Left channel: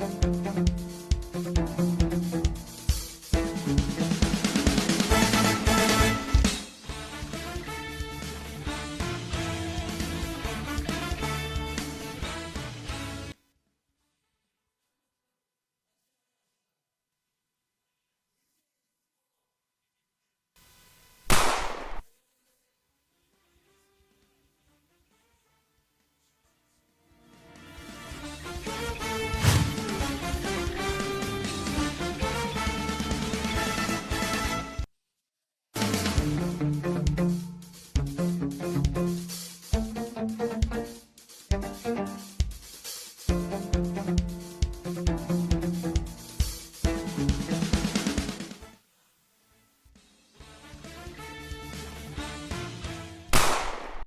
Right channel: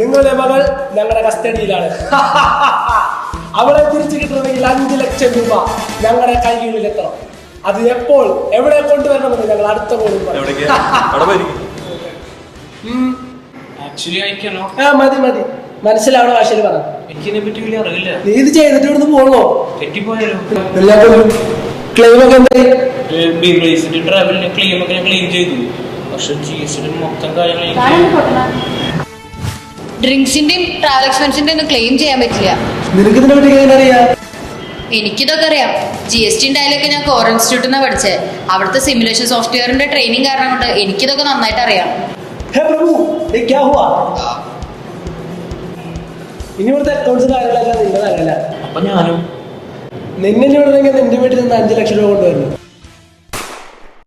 നിങ്ങളുടെ മകൾ ഞങ്ങളുടെ കസ്റ്റഡിയിലാണ്. അവളെ തിരിച്ചു കിട്ടണമെങ്കിൽ 5 ലക്ഷം രൂപ ഞങ്ങളുടെ കൈകളിലെത്തണം. അത് എപ്പോൾ എവിടെ കൊണ്ടുവരണമെന്ന് ഞങ്ങൾ അടുത്ത പോലും മതി മതി മനസ്സിലാവണ ഭാഷയിൽ പറഞ്ഞു. എനിക്കിതിനെ പറ്റി വലിയ അറിയില്ല. നീ ഇത് ചെയ്തിട്ട് ഇവിടുന്ന് പോകണോ? തെറ്റിപ്പോയാലോ? ക്ലെയിം ഒക്കെ എന്തായി? ട്രാവലിന് ക്ലെയിം ഒക്കെ ഞാൻ ക്ലെയിം ചെയ്തു. പക്ഷെ GST മൊത്തം കാര്യങ്ങൾ ഡ്രിങ്ക്സിന്റെയും ട്രാവൽ എക്സ്പെൻസിന്റെ ഒന്നും ക്ലെയിം ചെയ്യാൻ പറ്റില്ല. നിനക്ക് ഇതിനെ പറ്റി എങ്ങനെ അറിയാം? എനിക്കിതൊക്കെ അറിയാം. GST ഡയലൊക്കെ ഞാൻ കോർ ഇൻസ്റ്റിറ്റ്യൂട്ടിൽ നിന്ന് പഠിച്ചത്. അവിടുത്തെ സിമുലേഷൻ സോഫ്റ്റ്വെയറിന്റെ ട്രെയിനിങ് കാരണം കൊണ്ട് എനിക്കിതൊക്കെ നന്നായിട്ട് അറിയാം. ഇനി ഇവിടുത്തെ അക്കൗണ്ട്സ് കാര്യങ്ങളൊക്കെ നിന്റെ അറിയില്ല. അപ്പൊ ഞാനും നിന്നെ വിടണമെങ്കിൽ നിന്റെ വീട്ടിൽ നിന്ന് 5 ലക്ഷം രൂപ കൊണ്ടുവരുന്നു.